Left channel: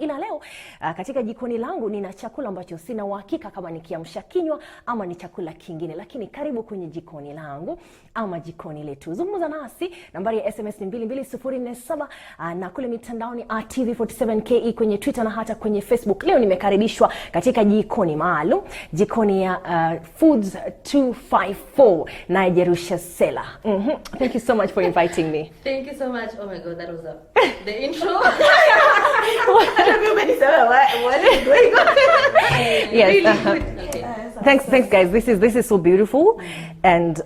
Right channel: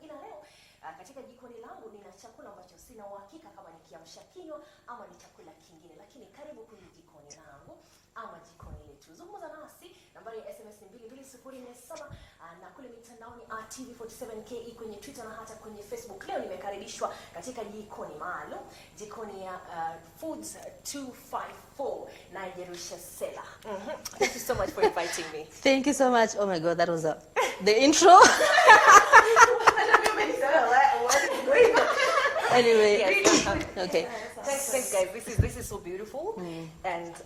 Ila leo katika jikoni langu nina chakula ambacho sina uhakika kama ni kiamsha kinywa ama ni chakula kingine, lakini karibu kwenye jikoni langu ama jikoni letu. Zungumza nasi, nambari ya SMS ni 22047 na kule mitandaoni @TV47KE kwenye Twitter na hata kwenye Facebook. Leo nimekaribishwa katika jikoni maalum, jikoni ya Foods 254 na Jerusha Sela. Thank you so much for inviting me. Thank you so much. Oh my God, that was the intro. What is going on? Yes. Okay. Thanks guys. This is so beautiful, and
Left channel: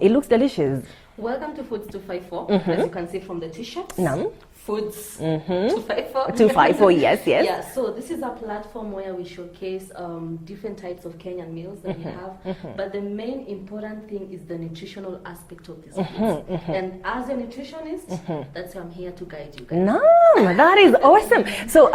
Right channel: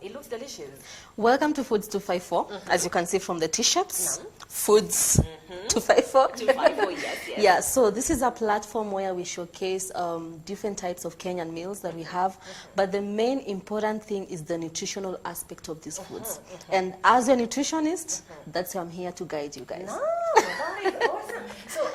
it looks delicious. Welcome to Foods 254. As you can see from the t-shirts. Foods 254. 254. Yes. Yeah. So this is a platform where we showcase different types of Kenyan meals that we have. But the main important thing is the nutritional aspect of these foods. And as a nutritionist, that's why I'm here to guide you guys. No, that is awesome. So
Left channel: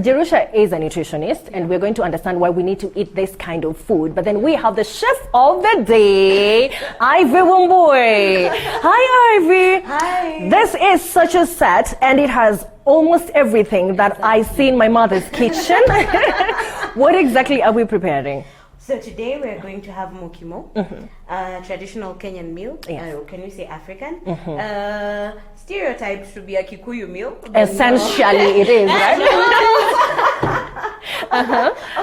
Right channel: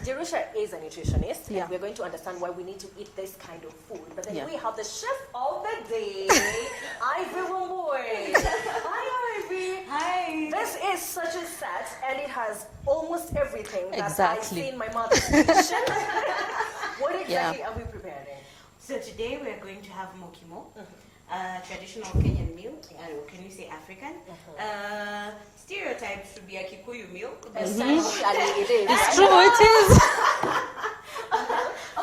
Jerusha is a nutritionist, and we're going to understand why we need to eat this kind of food. But then we have the chef of the day, Ivy Womboy. Hi, Ivy. Hi. This is such a set, and it has almost everything that I see in my mother's kitchen. What exactly are we preparing? So today we're going to have Mukimo, traditional Kenyan meal. Can we say African? Stereotyped to be a Kikuyu meal. Essentially, it is.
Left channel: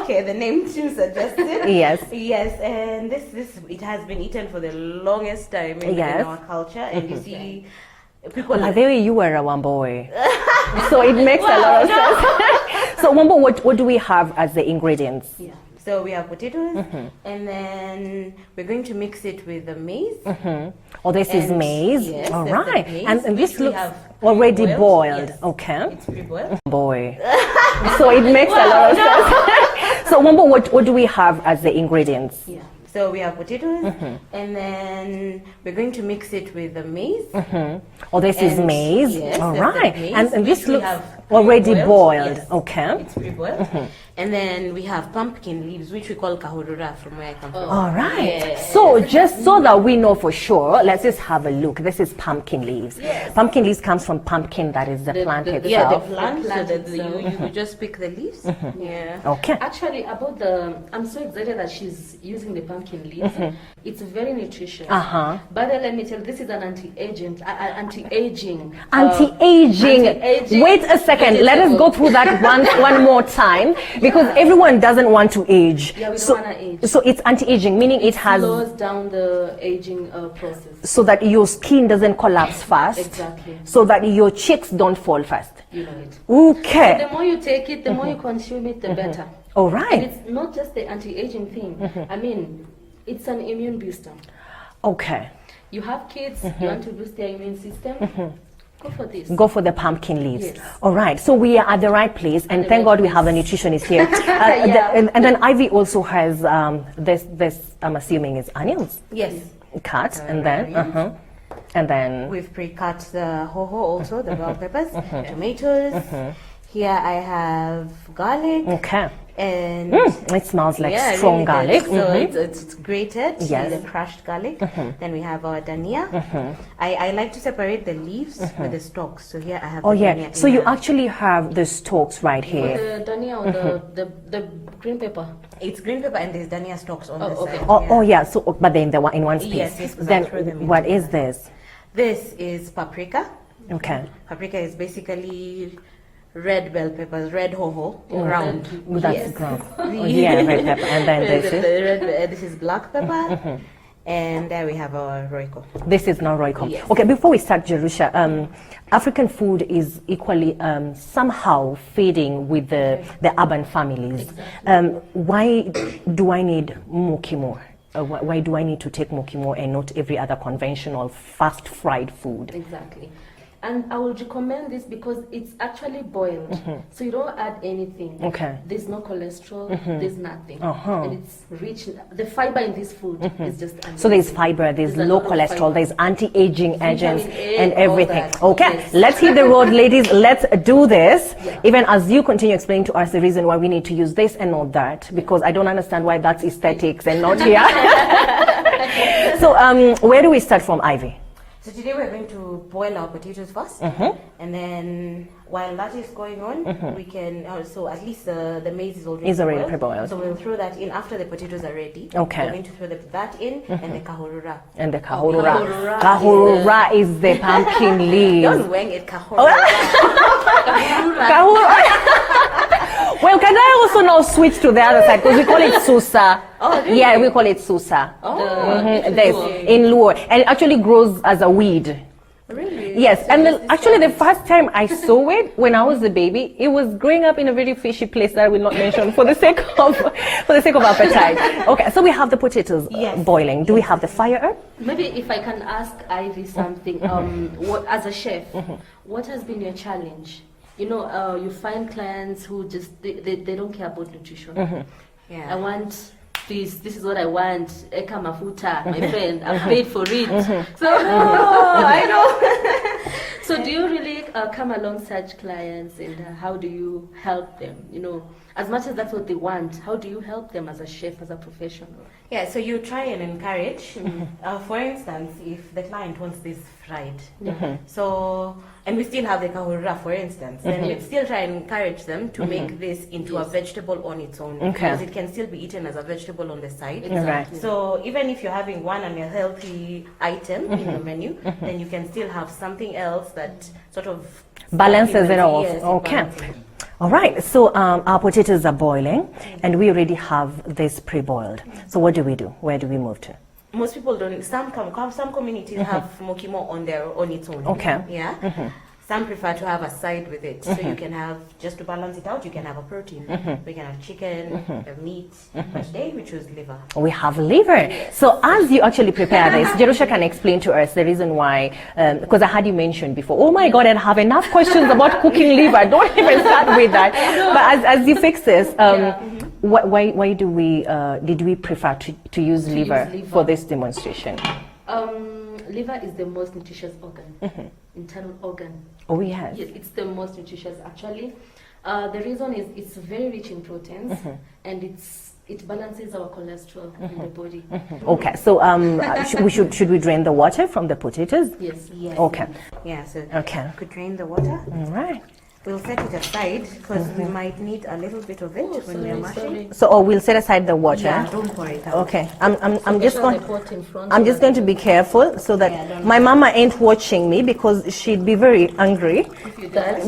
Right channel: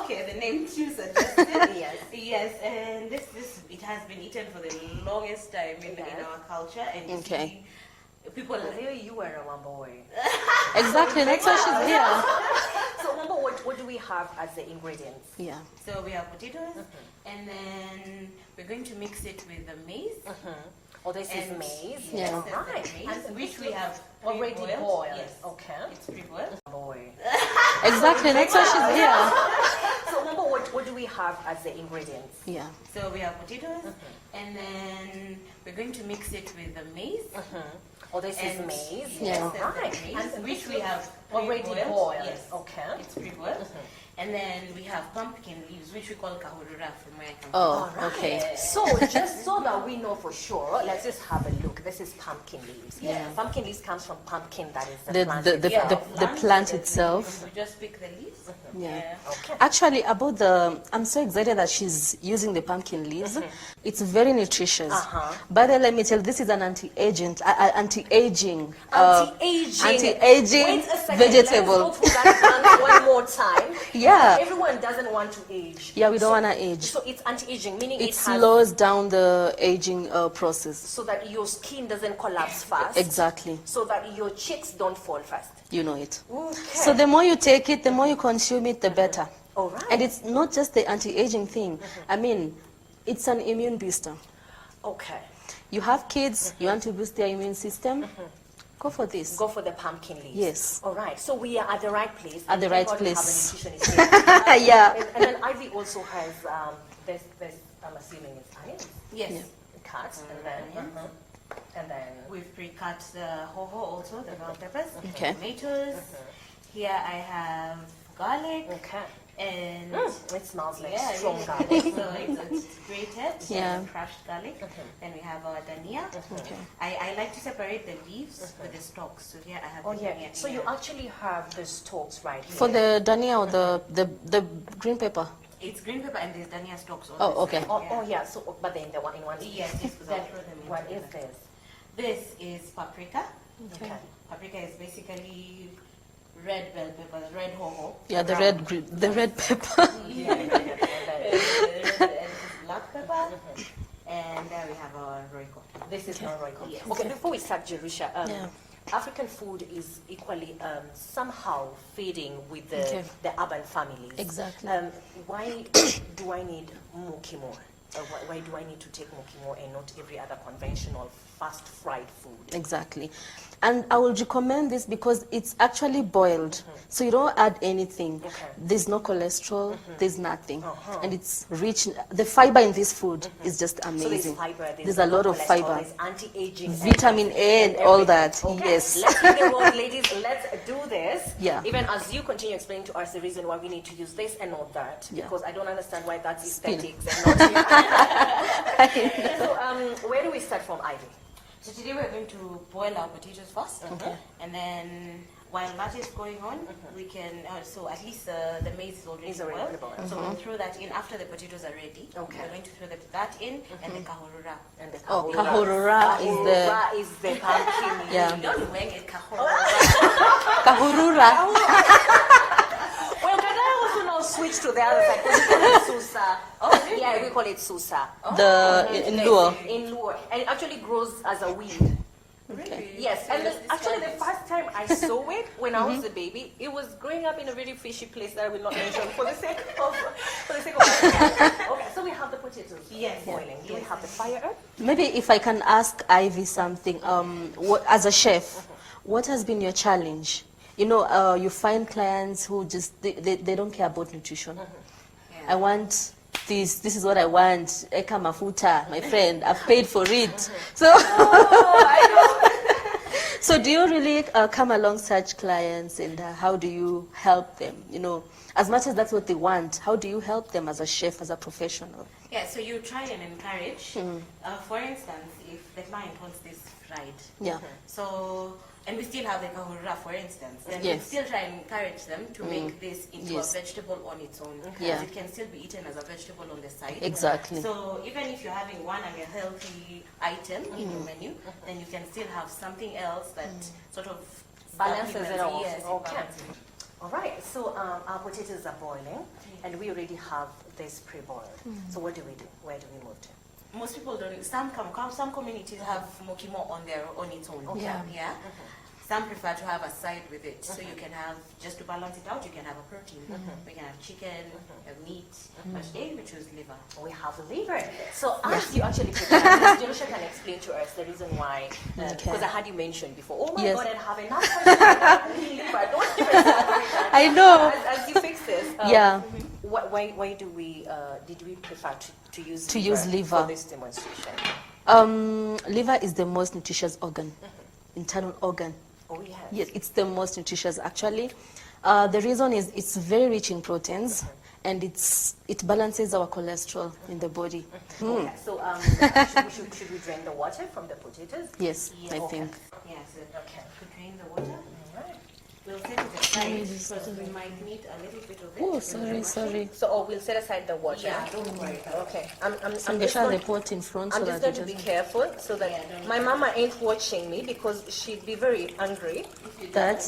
Okay, the name too suggests it. Yes. Yes, and this it has been eten for the longest time in our culture, and you see people like the way you were a Womboy. So it makes a lot of sense. So Wombo, what do we have as the ingredients? Yeah. So we have potatoes, and then we're going to mix it with the maize. Oh, this is maize. Yes, all that's right. the maize, And this we looks have already pre-boiled. boiled. Yes. Okay. It's pre-boiled. Boy. So it makes a lot of sense. So Wombo, what do we have as the ingredients? Yeah. So we have potatoes, and then we're going to mix it with the maize. Oh, this is maize. Yes, all that's the right. maize, And this we looks have already boiled. Yes. Okay. It's pre-boiled. And then we have pumpkin leaves, which we call kahurura from where I come from. All right. Yes. So just so that we know for sure, let's just have a look. This is pumpkin leaves. Yes. Pumpkin leaves comes from pumpkin, that is the plant itself. The plant itself. You just pick the leaves. Yeah. Okay. Actually, I'm so excited that she's using the pumpkin leaves. It's very nutritious. By the way, let me tell you, this is an anti-aging. Anti-aging. Anti-aging. Wait a second. Vegetable. Let us go through that one more time, because everyone doesn't want to age. Yeah, we don't want to age. So it's anti-aging, meaning it has slows down the aging process. so that your skin doesn't collapse fast. Exactly. So that your cheeks don't fall fast. You know it. Okay. So the more you take it, the more you consume it, the better. All right. And it's not just the anti-aging thing. I mean, it's an immune booster. Okay. You have kids, you want to boost their immune system, go for this. Go for the pumpkin leaves. Yes. All right. So we are at the right place, and the thank right God we have a place. nutritionist here. And then Ivy also has this. I'm assuming is onions. Yes. Cut and then and then We've pre-cut the hoho also, the bell peppers, tomatoes. Here I have garlic. okay. And It smells like it strong really garlic. does. So it's grated, Yes. crushed garlic. Then we have our dania. I like to separate the leaves with the stalks. So here I have Oh the yeah. dania So in you a- actually have the stalks right For here. the dania or the green pepper. It's green pepper and there's dania stalks on Oh, the okay. side. Oh yeah. So but then the one in one piece. Yes, Then throw them in. what is this? This is paprika. Okay. Paprika is basically red bell peppers, red hoho. Yeah, the red pepper. Oh, yeah, red pepper. And then this is This is black pepper. And there we have our roiko. this is not Royco. Yes. Okay, before we start, Jerusha, African food is equally somehow fading with the urban families. Exactly. Why do I need Mukimo? Why do I need to take Mukimo and not every other conventional fast fried food? Exactly. And I will recommend this because it's actually boiled. So you don't add anything. Okay. There's no cholesterol, there's nothing. And it's rich. The fiber in this food is just amazing. So there's fiber, there's a low lot of cholesterol, fiber. there's anti-aging agents Vitamin A and and all everything. that, Okay, yes. let's hit the road, ladies. Let's do this. Yeah. Even as you continue explaining to us the reason why we need to use this and not that, because I don't understand why that's aesthetics and not here. So where do we start from, Ivy? So today we're going to boil our potatoes first, and then while that is going on, we can also, at least the maize is already pre-boiled. So we'll throw that in after the potatoes are ready. Okay. We're going to throw that in and the kahurura. And the kahurura. Kahurura Kahurura is the pumpkin leaf. Don't wang it, kahurura. Kahurura. Well, can I also now switch to the other side? Because we call it susa. Oh, really? Yeah, we call it susa. In Luo. And it actually grows as a weed. Really? Yes, and actually the first time I saw it when I was a baby, it was growing up in a very fishy place that I will not mention for the sake of appetite. Okay, so we have the potatoes boiling. Do we have the fire up? Maybe if I can ask Ivy something, what, as a chef, what has been your challenge? You know, you find clients who just, they don't care about nutrition. Yeah. I want this is what I want, eka mafuta, my friend, I've paid for it. So, I know. So do you really come along such clients, and how do you help them? You know, as much as that's what they want, how do you help them as a chef, as a professional? Yeah, so you try and encourage. For instance, if the client wants this fried, so, and we still have the kahurura, for instance, then we still try and encourage them to make this into a vegetable on its own, because it can still be eaten as a vegetable on the side. Exactly. So even if you're having one unhealthy item in your menu, then you can still have something else that sort of Balances it off. Yes, Okay. balances it. All right, so our potatoes are boiling, and we already have this pre-boiled. So what do we do? Where do we move to? Most people don't. Some communities have Mukimo on its own. Okay. Yeah. Some prefer to have a side with it, so you can have, just to balance it out, you can have a protein. We can have chicken, meat, but today we choose liver. We have liver. So as you actually prepare this, Jerusha can explain to us the reason why, because I had you mention before, oh my God, I have enough questions about cooking liver. Don't even start with that. I know. But as you fix this, why do we, did we prefer to use liver for this demonstration? Liver is the most nutritious organ, internal organ. Oh, yes. Yes, it's the most nutritious actually. The reason is it's very rich in proteins, and it balances our cholesterol in the body. Okay, so should we drain the water from the potatoes? Yes. Okay. Yeah, so Okay. you could drain the water. All right. We'll set it aside because we might need a little bit of it when we're mashing. So we'll set aside the water. Yeah, don't worry. Okay. I'm just going. The pot in front I'm so just that going to be careful so that my mama ain't watching me, because she'd be very angry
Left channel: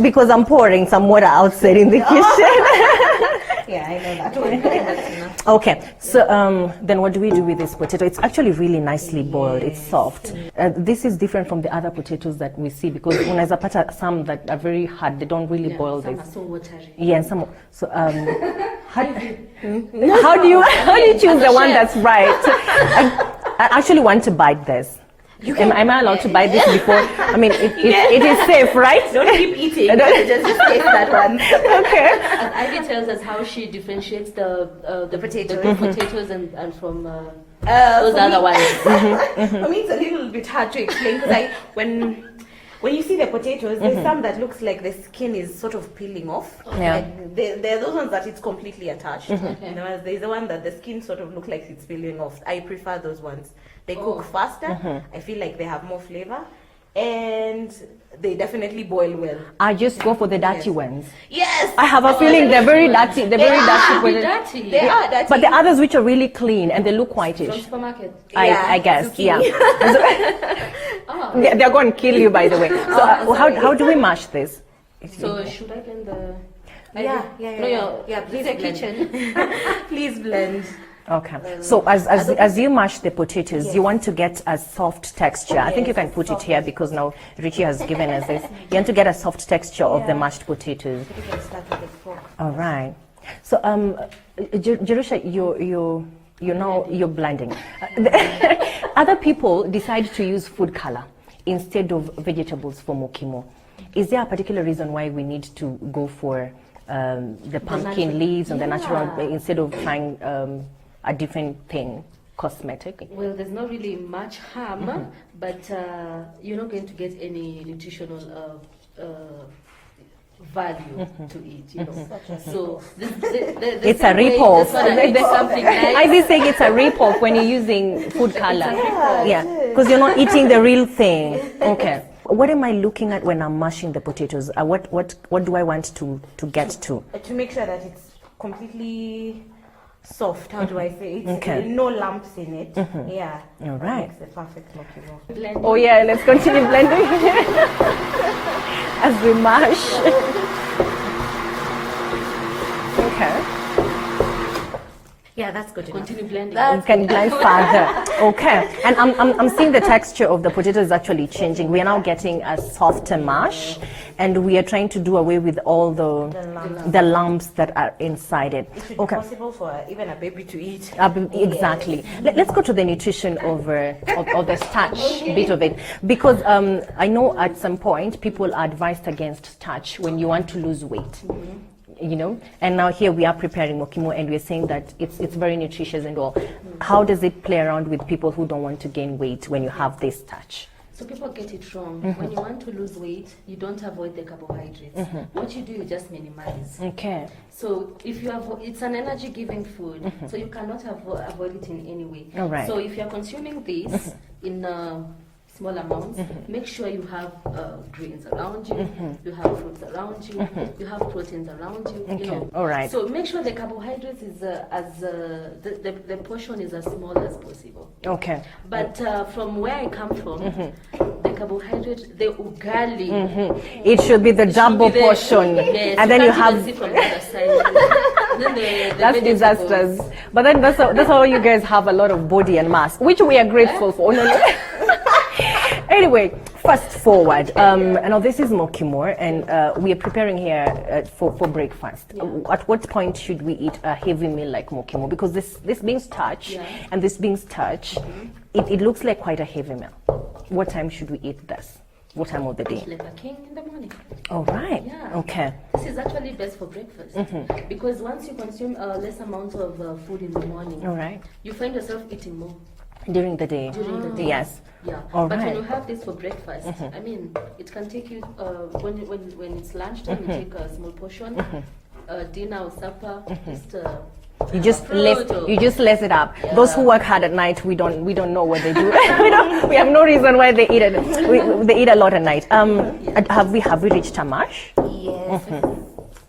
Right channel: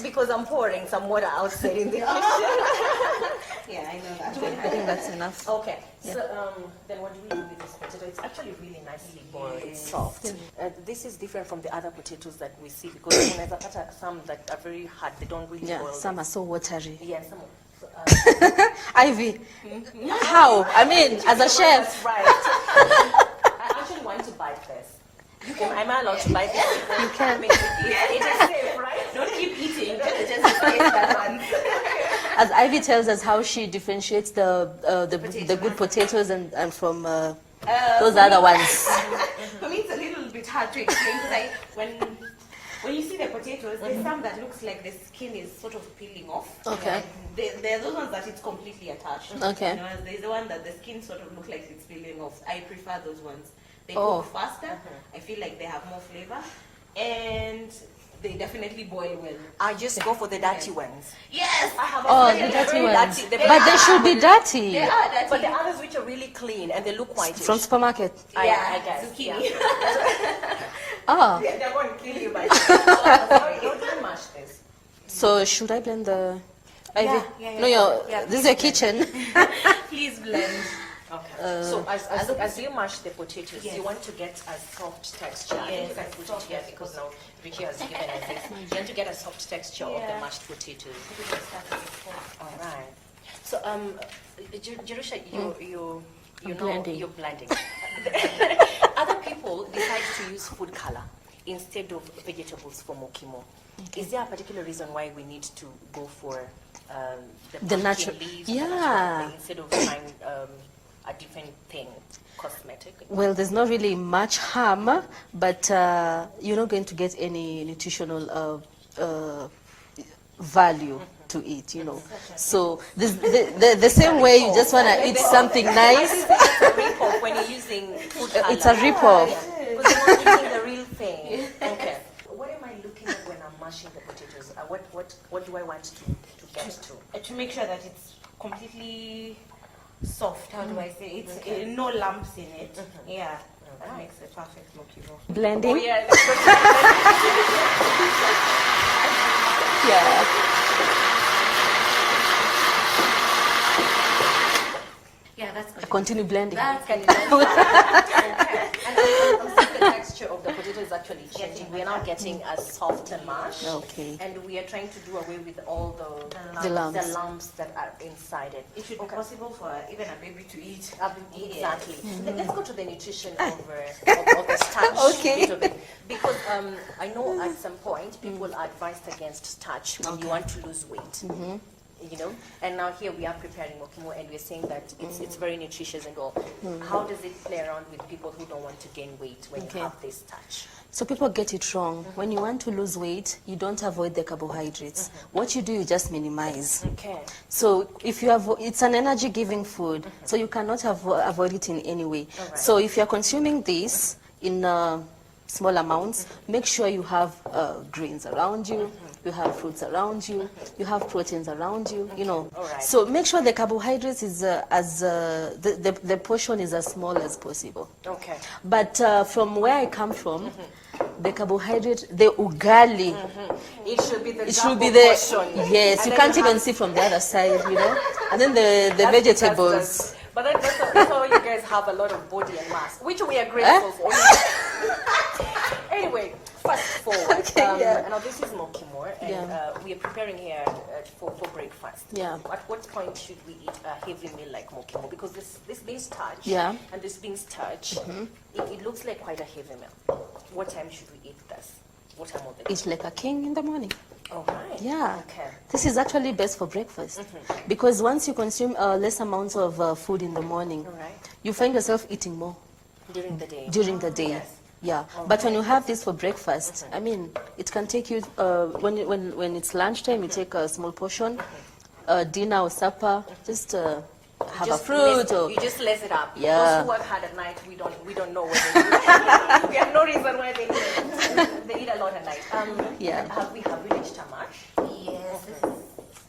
because I'm pouring some water outside in the kitchen. Yeah, I know that. Don't worry, that's enough. Okay, so then what do we do with this potato? It's actually really nicely boiled. It's soft. This is different from the other potatoes that we see, because unaweza pata some that are very hard. They don't really boil. Some this. are so watery. Yeah, and some. So Ivy, how do you choose the one chef. that's right? I actually want to bite this. Am I allowed to bite this before? I mean, it is safe, right? Don't keep eating. Just taste that one. Okay. As Ivy tells us how she differentiates the good potatoes and from those other ones. For me, it's a little bit hard to explain because when you see the potatoes, there's some that looks like the skin is sort of peeling off. Okay. Yeah. There are those ones that it's completely attached. Okay. And there's the one that the skin sort of looks like it's peeling off. I prefer those ones. They cook faster. I feel like they have more flavor, and they definitely boil well. I just go for the dirty ones. Yes. I have a feeling they're very dirty. They're very dirty. should be dirty. They are dirty. But the others which are really clean and they look whitish. From supermarket. I guess, zucchini. yeah. They're going to kill you, by the way. So how do we mash this? So should I blend the? Yeah. This is a kitchen. Please blend. Okay. So as you mash the potatoes, you want to get a soft texture. I think you can put it here because now Richie has given us this. You want to get a soft texture of the mashed potatoes. All right. So Jerusha, you're blending. Other people decide to use food color instead of vegetables for Mukimo. Is there a particular reason why we need to go for the pumpkin leaves and the natural instead of trying a different thing, cosmetic? Well, there's not really much harm, but you're not going to get any nutritional value to it, you know. So the It's same a way you rip-off. just want to eat something nice. I did say it's a rip-off when you're using food color. It's a rip-off. Yeah, because you're not eating the real thing. Okay. what am I looking at when I'm mashing the potatoes? What do I want to get to? To make sure that it's completely soft. How do I say? It's Okay. no lumps in it. Yeah. All That right. makes the perfect mukimo. Blending. Oh yeah, let's continue blending as we mash. Okay. Yeah, that's good. Continue blending. You can blend further. Okay. And I'm seeing the texture of the potato is actually changing. We are now getting a softer mash, and we are trying to do away with all the lumps that are inside it. It should be possible for even a baby to eat. Exactly. Let's go to the nutrition of the starch bit of it, because I know at some point people are advised against starch when you want to lose weight. You know, and now here we are preparing mukimo, and we're saying that it's very nutritious and all. How does it play around with people who don't want to gain weight when you have this starch? So people get it wrong. When you want to lose weight, you don't avoid the carbohydrates. What you do, you just minimize. Okay. So if you have, it's an energy-giving food, so you cannot avoid it in any way. All right. So if you're consuming this in small amounts, make sure you have grains around you, you have fruits around you, you have proteins around you, you know. All right. So make sure the carbohydrates is the portion is as small as possible. Okay. But from where I come from, the carbohydrate, the ugali, It should be the it should double be the- portion. Yes, and you then can't you even have see from the other side, you know. And then the that's vegetables. disasters. But then that's how you guys have a lot of body and mass, which we are grateful for. Anyway, fast forward. Now this is mukimo, and we are preparing here for breakfast. Yeah. At what point should we eat a heavy meal like mukimo? Because this being starch and this being starch, it looks like quite a heavy meal. What time should we eat this? What time of the day? Eat like a king in the morning. All right. Yeah. Okay. This is actually best for breakfast because once you consume less amounts of food in the morning, All right. you find yourself eating more During the day. during the day. Yes. Yeah, All but right. when you have this for breakfast, I mean, it can take you when it's lunchtime, you take a small portion, dinner or supper, just You have just a fruit you just lace it up. Yeah. Those who work hard at night, we don't know what they do. We have no reason why they eat it. They eat a lot at night. Have we reached a mash? Yes.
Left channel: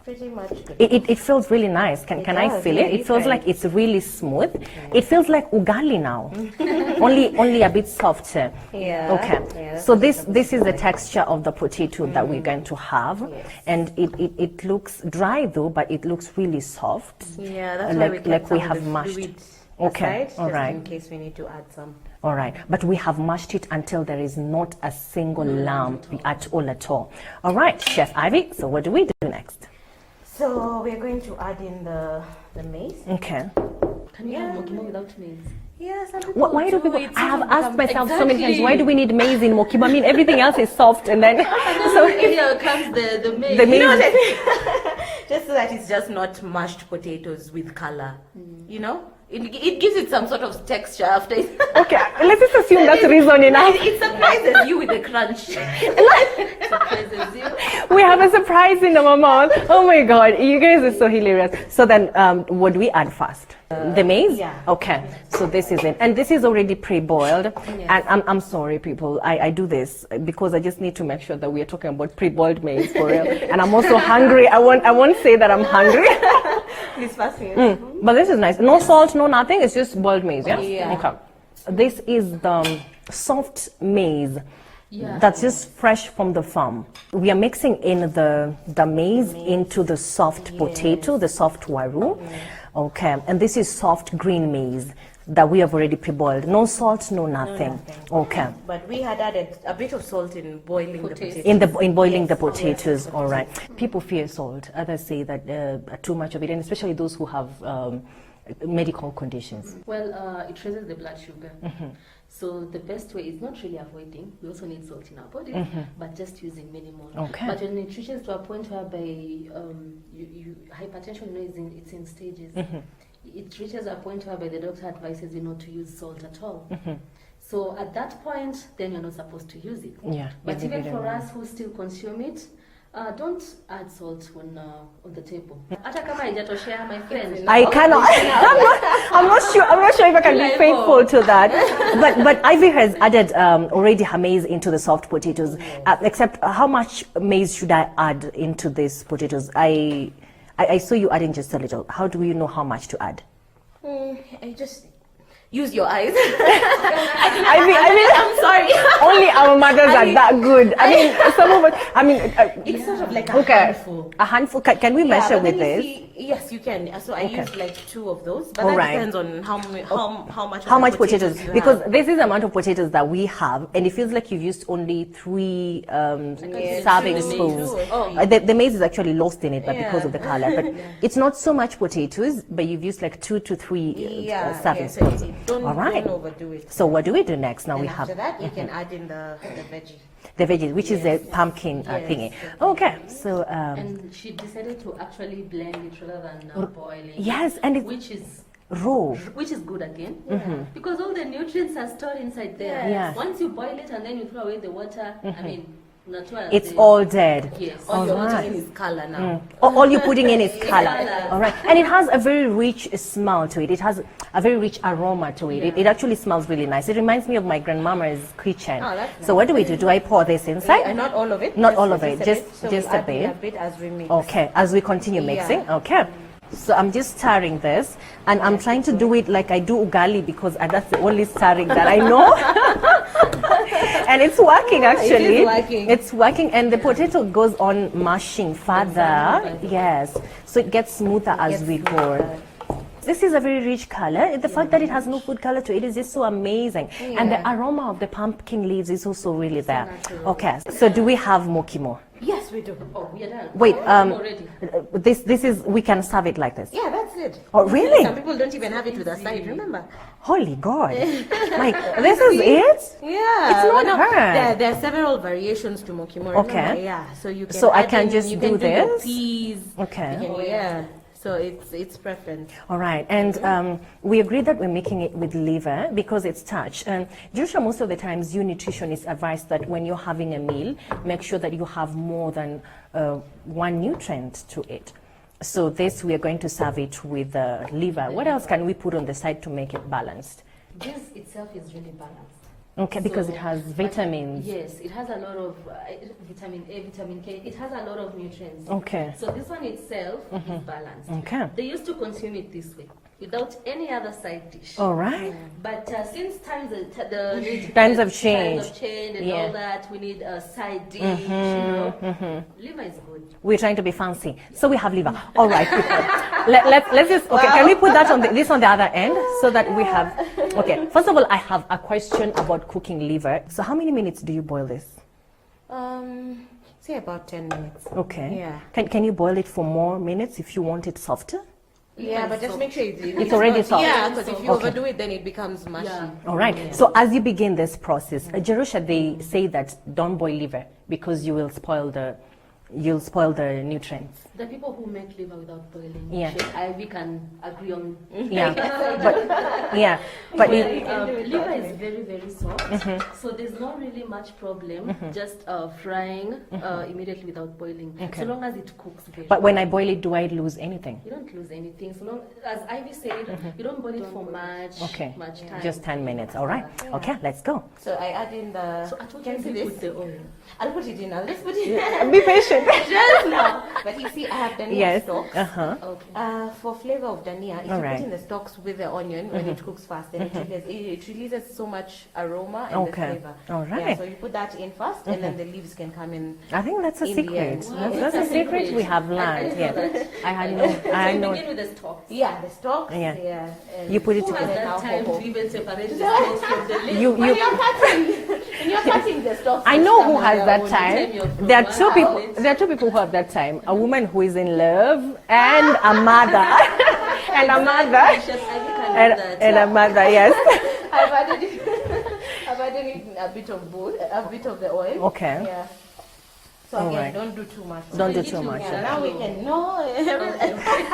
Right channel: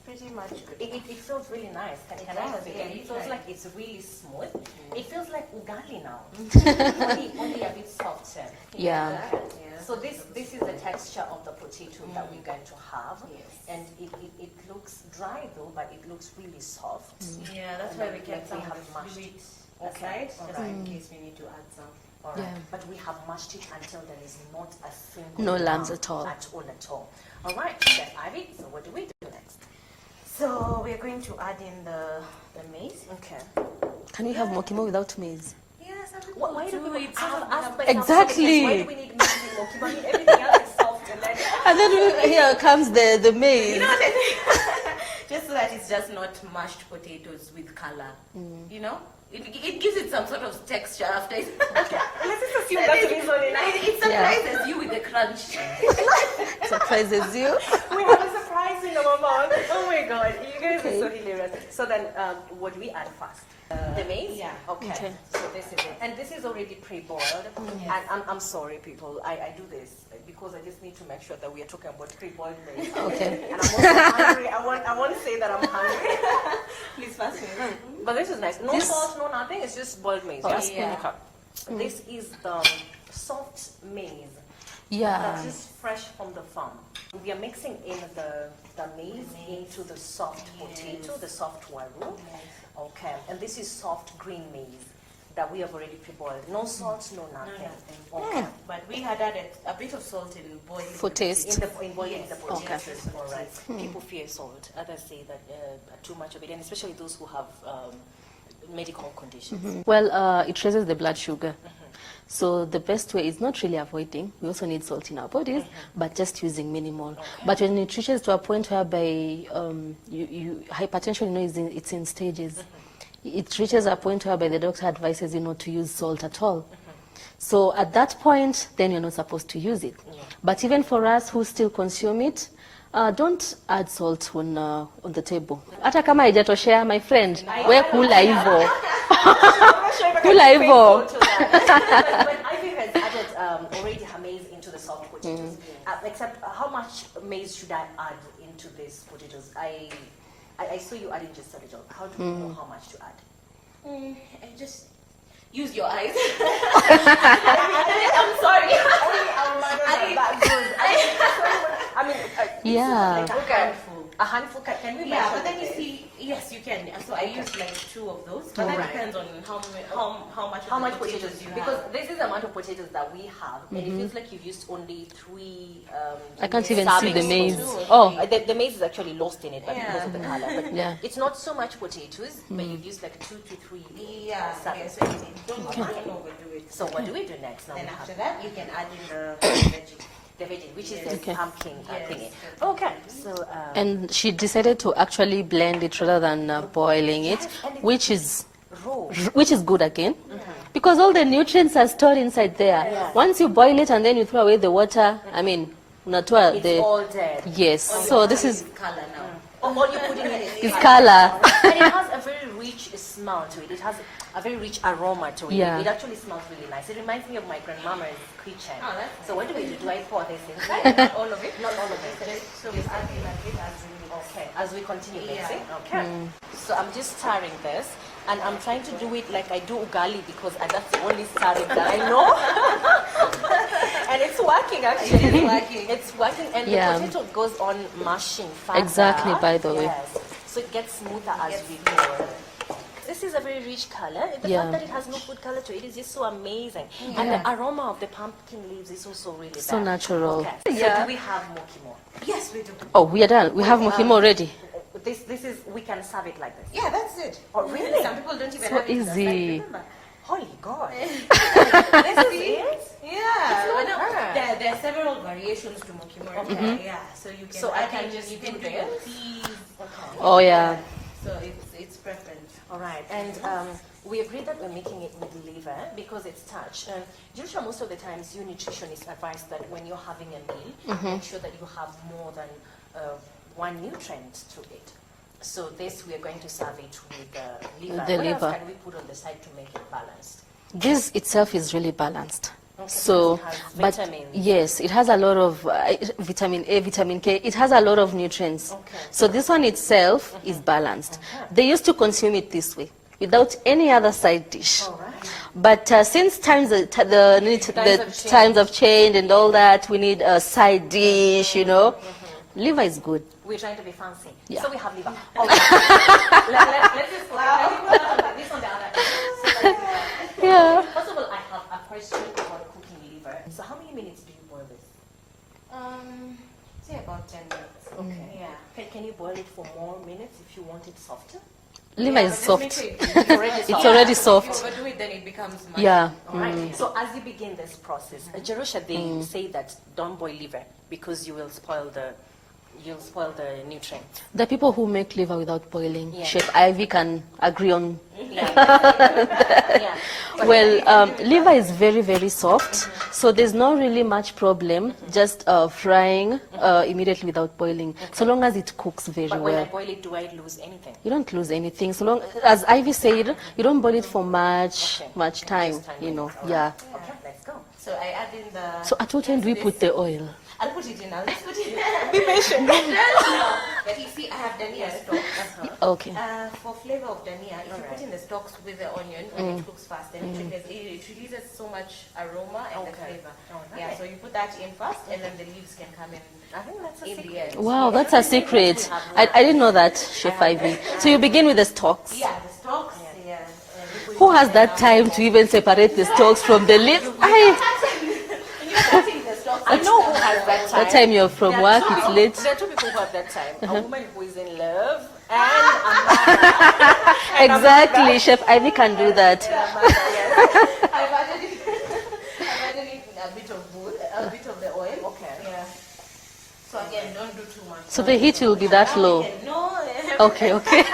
Pretty much good. It feels really nice. Can I does, feel yeah, it? It you feels try. like it's really smooth. It feels like ugali now, only a bit softer. Yeah. Okay. Yeah, So this is the texture of the potato that we're going to have, and it looks dry though, but it looks really soft. Yeah, that's why Like- we kept like we some of have the mashed. fluid Okay, aside, all just right. in case we need to add some. All right, but we have mashed it until there is not a single No lumps lump at all. at all. All right, Chef Ivy. So what do we do next? So we're going to add in the maize. Okay. Can you have mokimo without maize? Yeah, some people Why do people? it. I have Some asked become- myself so many times, why do we need maize in mokimo? I mean, everything else is soft, and then And then here comes the maize. The maize. just so that it's just not mashed potatoes with color. You know, it gives it some sort of texture after. okay, let's just assume that's reason enough. It surprises you with the crunch. Surprises you. We have a surprise in our mouth. Oh my God, you guys are so hilarious. So then, what do we add first? The maize? yeah. Okay. So this is it. And this is already pre-boiled. Yes. And I'm sorry, people. I do this because I just need to make sure that we are talking about pre-boiled maize for real. And I'm also hungry. I won't say that I'm hungry. Please pass me. But this is nice. No salt, no nothing. It's just boiled maize, yes? Yeah. Okay. This is the soft maize. Yeah. That's just fresh from the farm. We are mixing in the maize into the soft potato, the soft waru. Okay, and this is soft green maize that we have already pre-boiled. No salt, no nothing. Okay. But we had added a bit of salt in boiling For the taste. potatoes. In boiling the Yes. Oh, yeah. potatoes, all right. People fear salt. Others say that too much of it, and especially those who have medical conditions. Well, it raises the blood sugar. So the best way is not really avoiding. We also need salt in our bodies, but just using minimal. Okay. But when it reaches to a point whereby hypertension, you know, it's in stages. It reaches a point whereby the doctor advises you not to use salt at all. So at that point, then you're not supposed to use it. Yeah. But even for us who still consume it, Don't add salt on the table. Hata kama haijatoshea, my friend. I cannot. I'm not sure if I can be faithful to that. but Ivy has added already her maize into the soft potatoes. Except how much maize should I add into these potatoes? I saw you adding just a little. How do you know how much to add? I just use your eyes. I mean, I'm sorry. Only our mothers are that good. I mean, some of us. I mean, Like a okay, handful. a handful. Can we measure but then with you this? see, yes, you can. So I used like 2 of those, but that Alright. depends on how much. How of much the potatoes? you Because have. this is the amount of potatoes that we have, and it feels like you've used only 3 I can't even serving see the maize. spoons. Oh. The maize is actually lost in it, but because Yeah. of the color. But Yeah. it's not so much potatoes, but you've used like 2 to 3 serving so spoons. don't Alright. overdo it. So what do we do next? Now Then we have after that, you can add in the veggie. the veggies, which is the pumpkin thingy. Okay, so And she decided to actually blend it rather than boiling Yes, it, and it- which is raw. good again, because all the nutrients are stored inside there. Yeah. Once you boil it and then you throw away the water, I mean, unatoa It's the, all dead. yes. All So you this add is color now. All you're putting in is color. color. All right. And it has a very rich smell to it. It has a very rich aroma to it. Yeah. It actually smells really nice. It reminds me of my grandmama's kitchen. Oh, that's So what do we do? Do I pour this inside? Not all of it. Not all of it, a just bit. So just we a add bit. a bit as we mix. Okay, as we continue mixing. Okay. So I'm just stirring this, and I'm trying to do it like I do ugali because that's the only stirring that I know. And it's working actually. It is working. It's working, and the Yeah. potato goes on mashing further. Exactly, by the way. Yes. So it gets smoother as we go. This is a very rich color. The fact Yeah. that it has no food color to it is just so amazing. And the aroma of the pumpkin leaves is also really So there. natural. Okay. So do we have mukimo? Yes, we do. Oh, we are done. We Wait, have Mukimo already. This is, we can serve it like this. Yeah, that's it. Oh, really? Some people don't even So have it to the side. easy. Remember? Holy God. Like, this is it? Yeah, It's not I know. hard. There are several variations to Mukimo. Okay. remember? Yeah, so you can. So I add can in- just you do can your this? peas. Okay. Oh, yeah. So it's preference. All right, and we agreed that we're making it with liver because it's starch. And usually, most of the times, you nutritionists advise that when you're having a meal, make sure that you have more than one nutrient to it. So this, we are going to serve it with liver. The What else liver. can we put on the side to make it balanced? This itself is really balanced. Okay, So, because it has but vitamins. yes, it has a lot of vitamin A, vitamin K. It has a lot of nutrients. Okay. So this one itself is balanced. Okay. They used to consume it this way, without any other side dish. All right. But since times Times have changed. times have changed and all that, we need a side dish, you know. Liver is good. We're trying to be fancy. Yeah. So we have liver. All right. Let's just, okay, can we put that on this on the other end so that we have, okay. First of all, I have a question about cooking liver. So how many minutes do you boil this? Say about 10 minutes. Okay. Yeah. Can you boil it for more minutes if you want it softer? Liver Yeah, is but just soft. make sure It's already soft. It's already because soft. If you overdo it, then it becomes mushy. Yeah. All right. So as you begin this process, Jerusha, they say that don't boil liver because you will spoil the nutrients. The people who make liver without boiling, Yeah. Chef Ivy can agree on. Yeah. Yeah. But Well, liver is very, very soft, so there's not really much problem just frying immediately without boiling, so long as it cooks very but when I well. boil it, do I lose anything? You don't lose anything, so long as Ivy said, you don't boil it for much time. Just 10 you know. minutes. All right. Yeah. Okay, let's go. So I add in the. So at what time do we put the oil? I'll put it in now. Let's put it in. Be patient. But you see, I have dania Yes. stalks. Okay. For flavor of dania, if you Alright. put in the stalks with the onion when it cooks fast, then it releases so much aroma and the Okay. flavor. Alright. Yeah, so you put that in first, and then the leaves can come in. I think that's a In the secret. end. Wow, Yeah, that's a secret. we have I didn't know learned, that, Chef have- Ivy. I So you know. begin with the stalks. Yeah, the stalks. Yeah. Yeah. You put it Who has together. that time to even separate the stalks from the leaves? When you're cutting the stalks, I know who has that time. That time you're from there are work, two it's people. late. There are two people who have that time: a woman who is in love and a mother. Exactly, Chef Ivy can do that. And a mother, yes. I've added in, I've added in a bit of both, a bit of the oil. Okay. Yeah. So again, Alright. don't do too much. So the heat will be that Now we low. can- No. Okay, okay.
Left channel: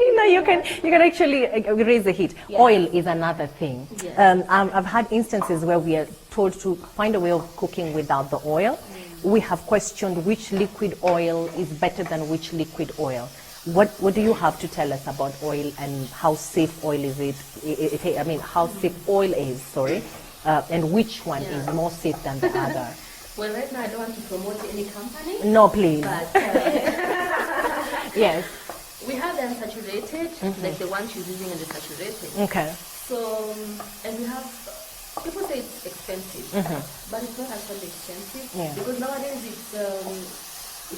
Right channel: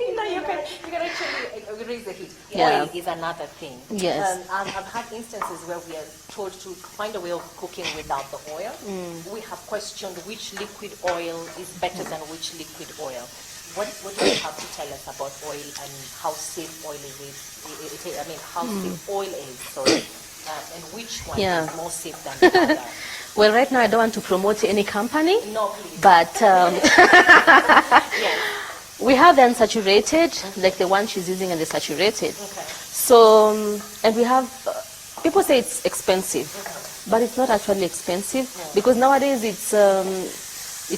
You know, you can actually raise the heat. Yeah. Oil is another thing. Yes. I've had instances where we are told to find a way of cooking without the oil. We have questioned which liquid oil is better than which liquid oil. What do you have to tell us about oil and how safe oil is I mean, how safe oil is, sorry, and which one is more safe than the other? Well, right now I don't want to promote any company. No, please. But yes. we have the unsaturated, like the one she's using, and the saturated. Okay. So, and we have, people say it's expensive, but it's not actually expensive because nowadays it's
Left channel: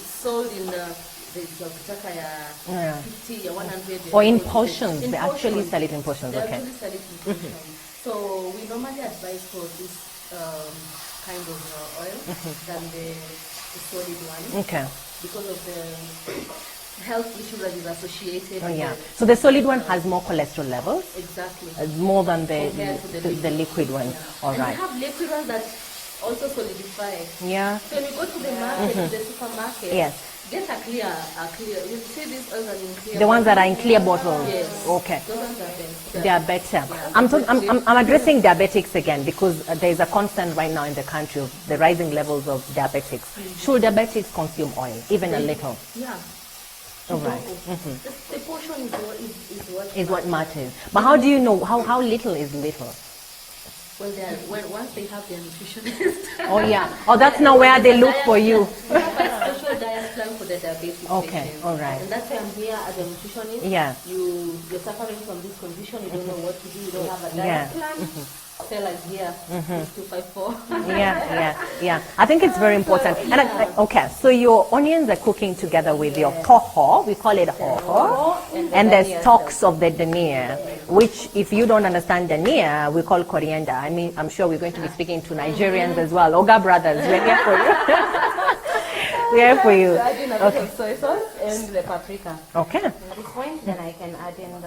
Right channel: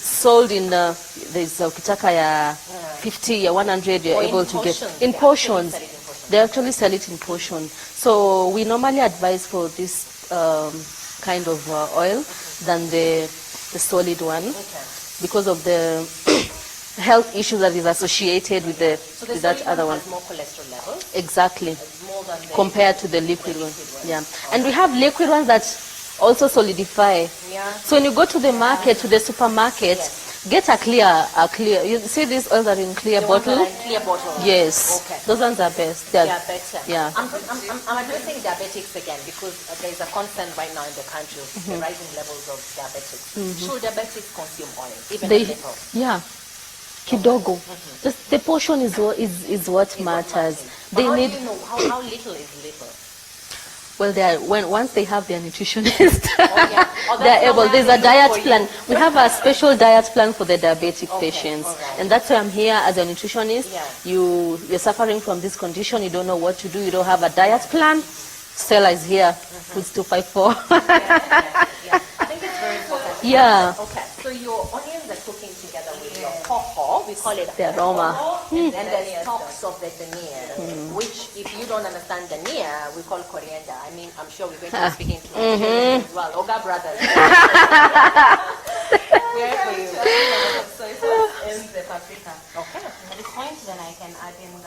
sold in there's ukitaka ya 50 ya 100 you're or able in to portions. get in portions. They Actually sell it in portions. So we normally advise for this kind of oil than the solid one, because of the health issues that is associated with the. So the solid one has more cholesterol levels. Exactly. More than compared to the liquid one. Yeah. And we have liquid ones that also solidify. Yeah. So when you go to the market, to the supermarket, get a clear. You see these oils that are in clear bottles? The ones that are in clear bottles? Yes. Okay. Those ones are best. They are better. Yeah. I'm addressing diabetics again because there is a concern right now in the country of the rising levels of diabetics. Should diabetics consume oil, even a little? Yeah. Kidogo. Just the portion is what matters. But how do you know how little is little? Well, once they have their nutritionist. Oh yeah. Oh, that's not where they look for you. We have a special diet plan for the diabetic patients, right. and that's why I'm here as a nutritionist. Yeah. You're suffering from this condition. You don't know what to do. You don't have a diet plan. Stella is here. It's 254. Yeah. I think it's very important. Yeah. Okay. So your onions are cooking together with your hoho. We call it hoho. And the stalks of the dania, which, if you don't understand dania, we call coriander. I mean, I'm sure we're going to be speaking to Nigerians as well. Oga brothers. We are for you. Okay. Soy sauce and the paprika. Okay. At this point, then I can add in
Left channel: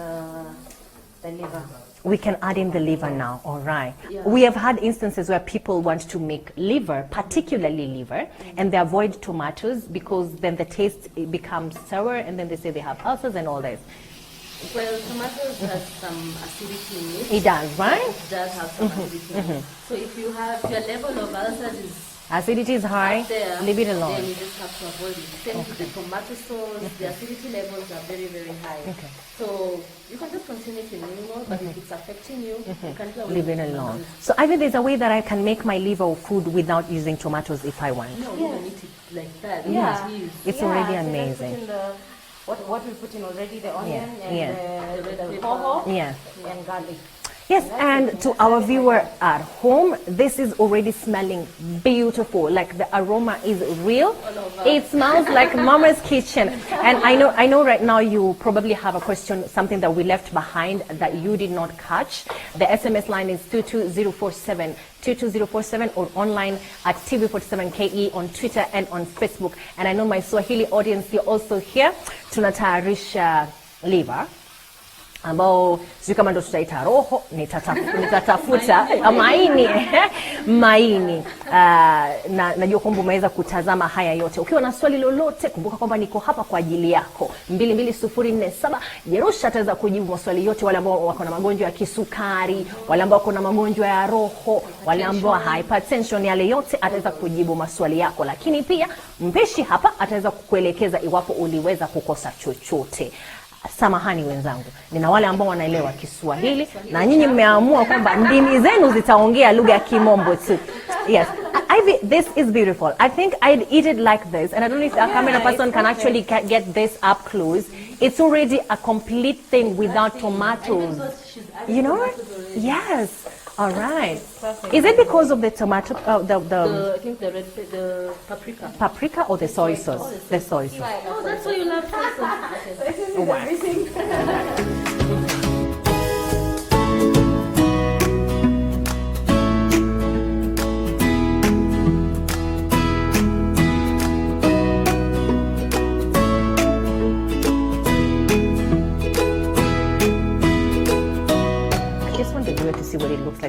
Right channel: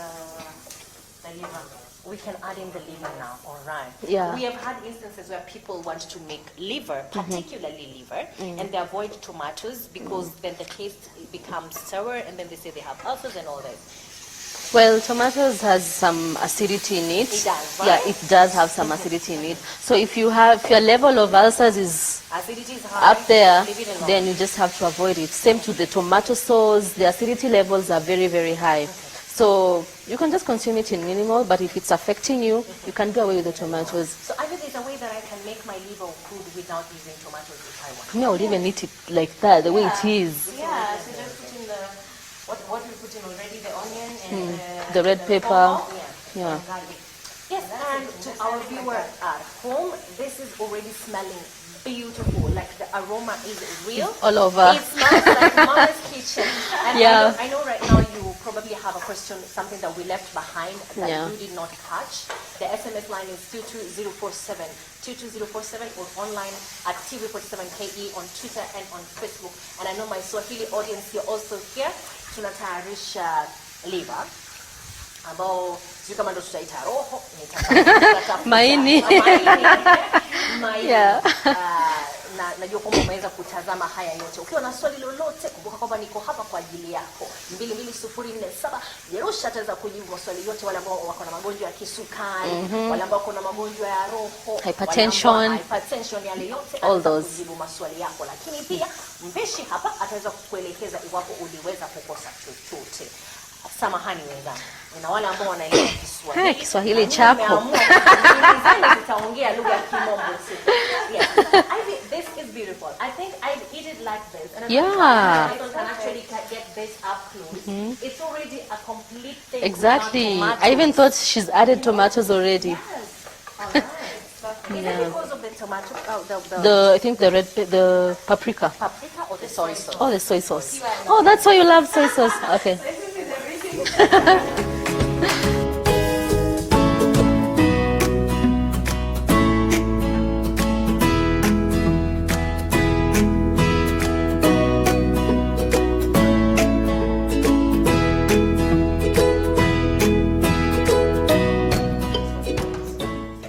the liver. We can add in the liver now, all right. Yeah. We have had instances where people want to make liver, particularly liver, and they avoid tomatoes because then the taste becomes sour, and then they say they have ulcers and all that. Well, tomatoes has some acidity in it. It does, right? Yeah, it does have some acidity in it. So if your level of ulcers is acidity is high, up there, leave it alone. then you just have to avoid it. Same to the tomato sauce, the acidity levels are very, very high. So you can just consume it in minimal, but if it's affecting you, you can do away with the tomatoes. So either there's a way that I can make my liver or food without using tomatoes if I want. No, even eat it like that, the way it is. It's already amazing. What we put in already, the onion and the red pepper. Yeah. and garlic. Yes, and to our viewer at home, this is already smelling beautiful. Like the aroma is real. All over. It smells like Mama's kitchen. And I know right now you probably have a question, something that we left behind that you did not catch. The SMS line is 22047. 22047 or online at TV47KE on Twitter and on Facebook. And I know my Swahili audience here also here. Tunatayarisha liver ambao sijui kama ndo tutaita roho, nitatafuta maini. Najua kwamba umeweza kutazama haya yote. Ukiwa na swali lolote, kumbuka kwamba niko hapa kwa ajili yako. 22047 Jerusha ataweza kujibu maswali yote, wale ambao wako na magonjwa ya kisukari, wale ambao wako na magonjwa ya roho, wale ambao hypertension, yale yote ataweza kujibu maswali yako. Lakini pia mpeshi hapa ataweza kukuelekeza iwapo uliweza kukosa chochote. Samahani wenzangu, nina wale ambao wanaelewa Kiswahili na nyinyi mmeamua kwamba ndimi zenu zitaongea lugha ya Kimombo tu. Yes, this is beautiful. I think I'd eat it like this, and I don't know if a camera person can actually get this up close. It's already a complete thing without tomatoes. I even thought she's added tomatoes already. Yes. All right. Is it because of the tomato? I think the paprika. Paprika or the soy sauce? Oh, the soy sauce. Oh, that's why you love soy sauce. Okay.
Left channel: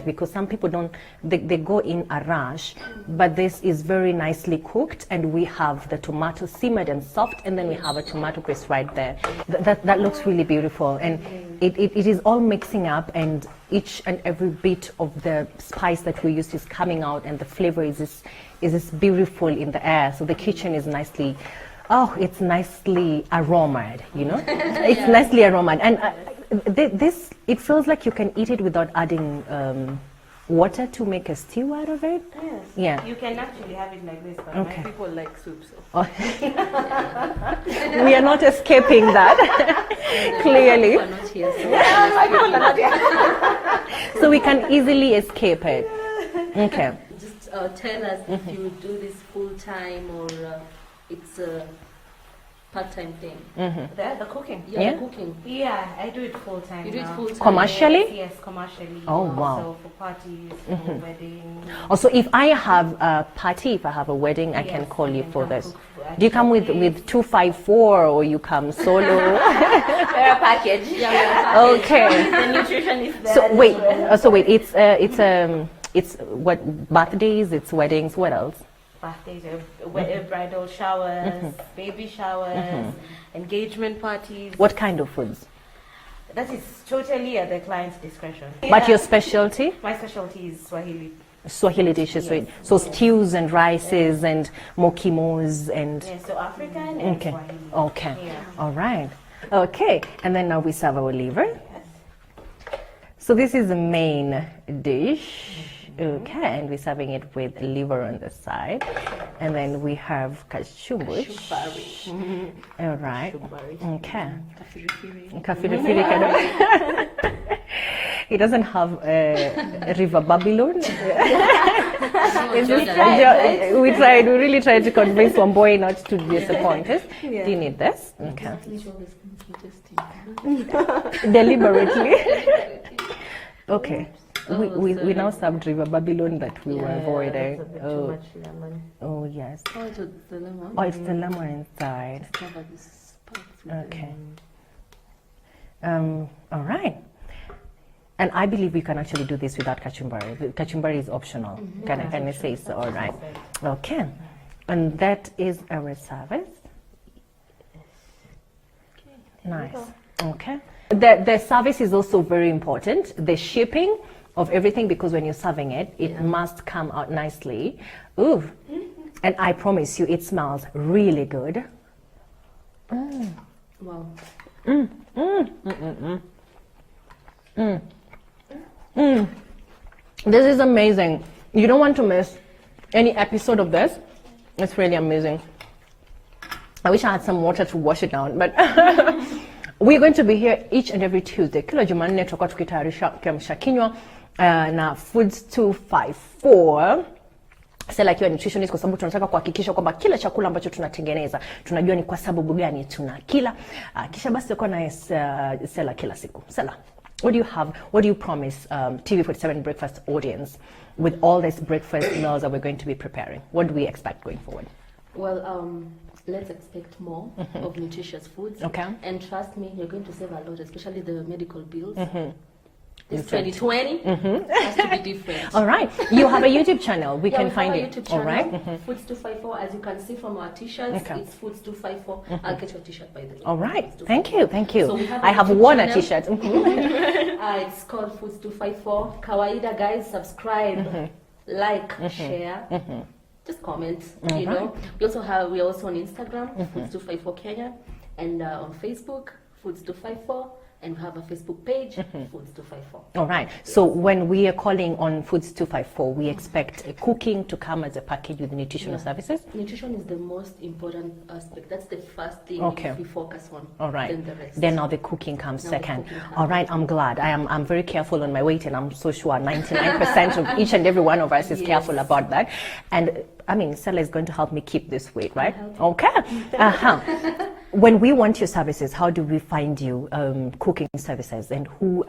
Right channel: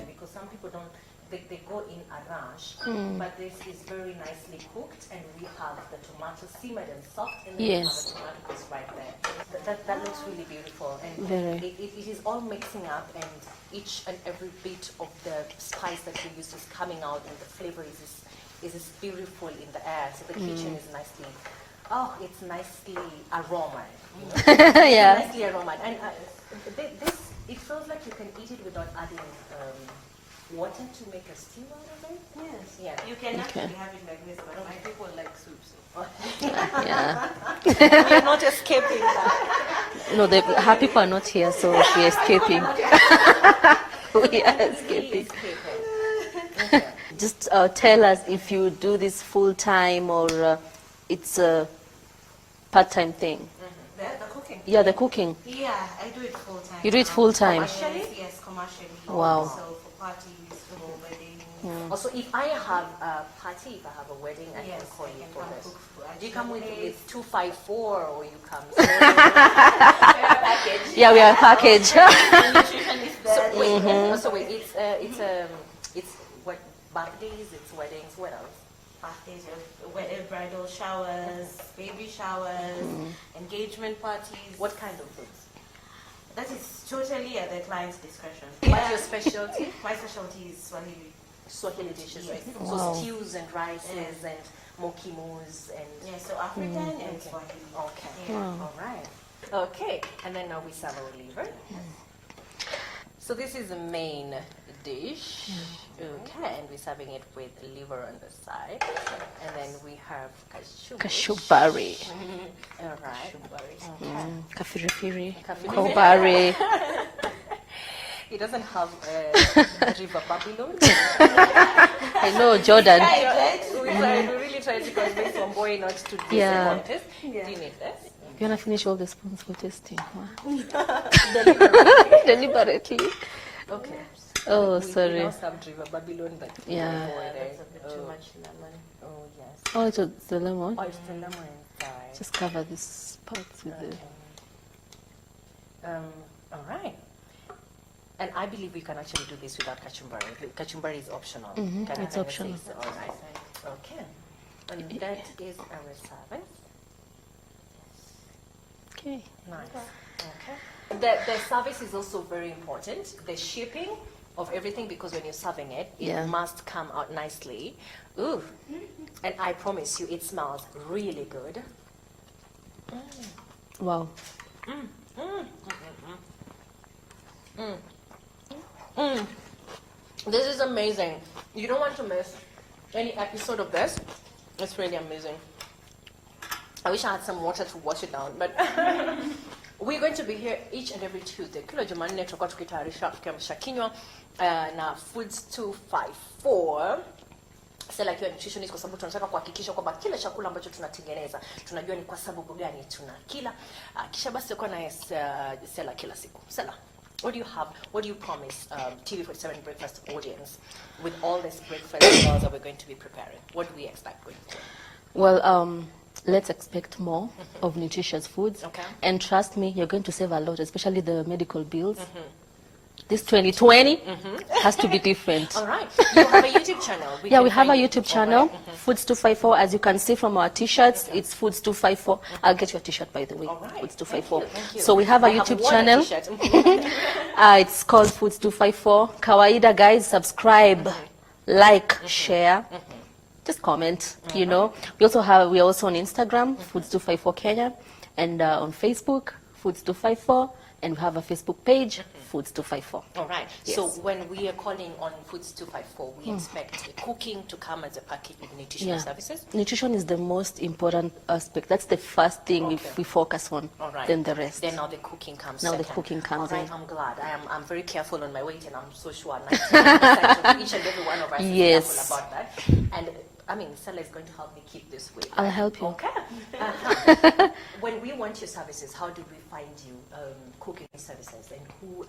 Because some people don't, they go in a rush, but this is very nicely cooked, and we have the tomato simmered and soft, and then we have a tomato paste right there. That looks really beautiful, and it is all mixing up, and each and every bit of the spice that we use is coming out, and the flavor is this beautiful in the air. So the kitchen is nicely, it's nicely aromaed, you know? It's nicely aromaed. And this, it feels like you can eat it without adding water to make a stew out of it. Yes. Yeah. You can actually have it like this, but my people like soup, so. We are not escaping that. No, the people are not here, so we're escaping. So we can easily escape it. Okay. Just tell us if you do this full time or it's a part-time thing. The cooking? Yeah, the cooking. Yeah, I do it full time. You do it full time? Commercially? Yes, commercially. Oh, wow. So for parties, for weddings. Also, if I have a party, if I have a wedding, I can call you for this. Do you come with 254 or you come solo? We're a package. Yeah, we are a package. Okay. The nutrition is there. So wait, it's what, birthdays, it's weddings, what else? Birthdays, bridal showers, baby showers, engagement parties. What kind of foods? That is totally at the client's discretion. But your specialty? My specialty is Swahili. Swahili dishes, so stews and rices and mukimos and... Yeah, so African and Swahili. Okay, Yeah. all right. Okay, and then now we serve our liver. So this is the main dish. Okay, and we're serving it with liver on the side. And then we have kashubush. Kashubari. All right. Okay. Kafirifiri. Kafirifiri. He doesn't have River Babylon. No, Jordan. We really tried to convince one boy not to disappoint us. Do you need this? Can I finish all the spoons for tasting? Deliberately. Deliberately. Okay. Oh, we sorry. now served River Babylon that we were avoiding. Too much lemon. Oh, yes. Oh, it's the lemon. Oh, it's the lemon inside. Just cover this part. Okay. All right. And I believe we can actually do this without kachumbari. The kachumbari is optional. Can I say so? All right. Okay. And that is our service. Okay. Nice. Okay. The service is also very important. The shipping of everything, because when you're serving it, it must come out nicely. Ooh. And I promise you, it smells really good. Wow. This is amazing. You don't want to miss any episode of this. It's really amazing. I wish I had some water to wash it down, but we're going to be here each and every Tuesday. Kila Jumanne tutakuwa tukitayarisha kiamsha kinywa na Foods 254. Stella akiwa nutritionist, kwa sababu tunataka kuhakikisha kwamba kila chakula ambacho tunatengeneza tunajua ni kwa sababu gani tunakila. Kisha basi tutakuwa na Stella kila siku. Stella, what do you promise TV47 breakfast audience with all this breakfast meals that we're going to be preparing? What do we expect going forward? Well, let's expect more of nutritious foods. Okay. And trust me, you're going to save a lot, especially the medical bills. This 2020 has to be different. All right. You have a YouTube channel. We have a YouTube channel, Foods 254. As you can see from our t-shirts, it's Foods 254. I'll get your t-shirt, by the way. All right. Foods Thank 254. you. Thank you. So we have a I have YouTube worn channel. a t-shirt. It's called Foods 254. Kawaida, guys, subscribe, like, share. Just comment, you know. We're also on Instagram, Foods 254 Kenya, and on Facebook, Foods 254. And we have a Facebook page, Foods 254. All right. Yes. So when we are calling on Foods 254, we expect cooking to come as a package with nutritional services? Nutrition is the most important aspect. That's the first thing we focus on. All right. Then the rest. Then now the cooking comes Now the second. cooking comes All right. I'm glad. I'm very careful on my weight, and I'm so sure 99% of each and every one of us is careful about that. And I mean, Stella is going to help me keep this weight, right? I'll help you. Okay. When we want your services, how do we find you cooking services, and who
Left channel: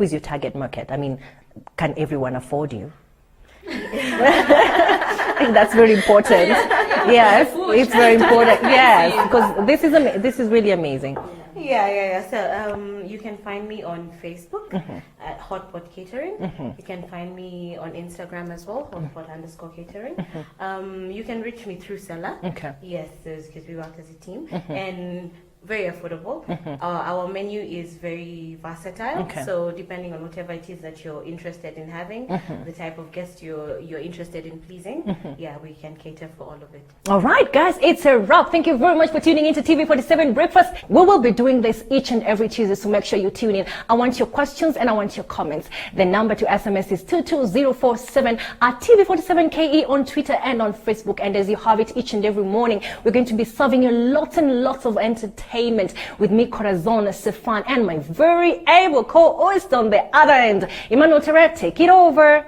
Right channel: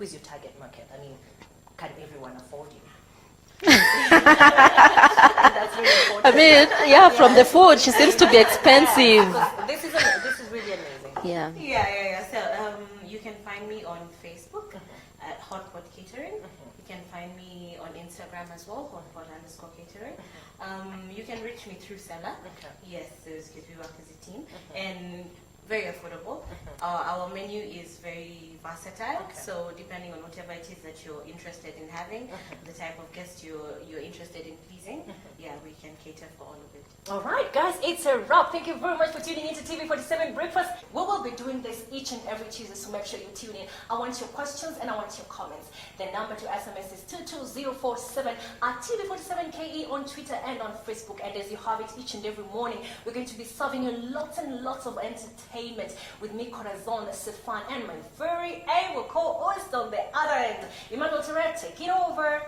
is your target market? I mean, can everyone afford you? That's very important. I mean, from the food, she it's very seems to be important. expensive. Yes, because this is really amazing. Yeah. So you can find me on Facebook at Hotpot Catering. You can find me on Instagram as well, hotpot_catering. You can reach me through Seller. Okay. Yes, because we work as a team. And very affordable. Our menu is very versatile. Okay. So depending on whatever it is that you're interested in having, the type of guest you're interested in pleasing, we can cater for all of it. All right, guys, it's a wrap. Thank you very much for tuning into TV47 Breakfast. We will be doing this each and every Tuesday, so make sure you tune in. I want your questions and I want your comments. The number to SMS is 22047 at TV47KE on Twitter and on Facebook. And as you have it each and every morning, we're going to be serving you lots and lots of entertainment with me, Corazon Stefan, and my very able co-host on the other end, Emmanuel Terre. Take it over.